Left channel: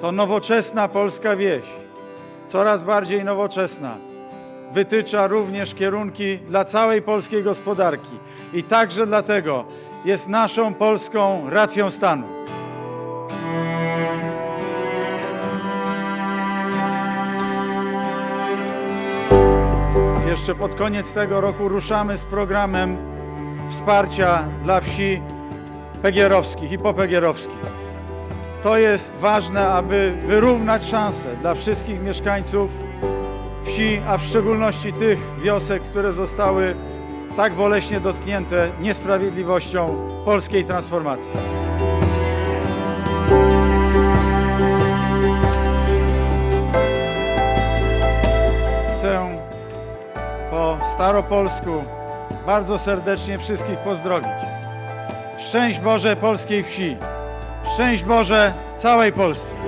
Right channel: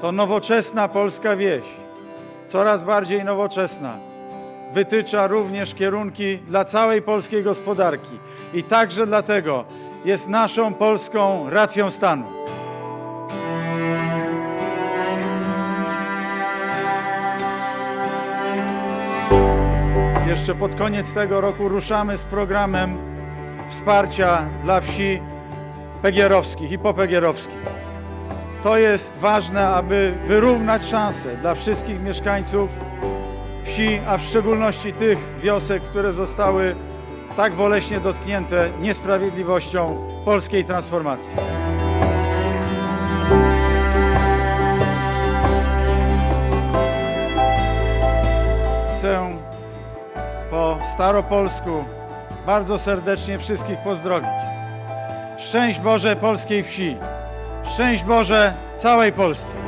to nowoczesna polska wieś, coraz bardziej nowoczesna, wytycza również kierunki dla całej polskiej gospodarki i także dlatego jest naszą polską racją stanu. Jeszcze pod koniec tego roku ruszamy z programem wsparcia dla wsi pegierowskich i popegierowskich. To jest ważne, aby wyrównać szanse dla wszystkich mieszkańców wsi, a w szczególności tych wiosek, które zostały tak boleśnie dotknięte niesprawiedliwością polskiej transformacji. Chcę po staropolsku bardzo serdecznie wszystkich pozdrowić. Szczęść Boże polskiej wsi! Szczęść Boże całej Polsce!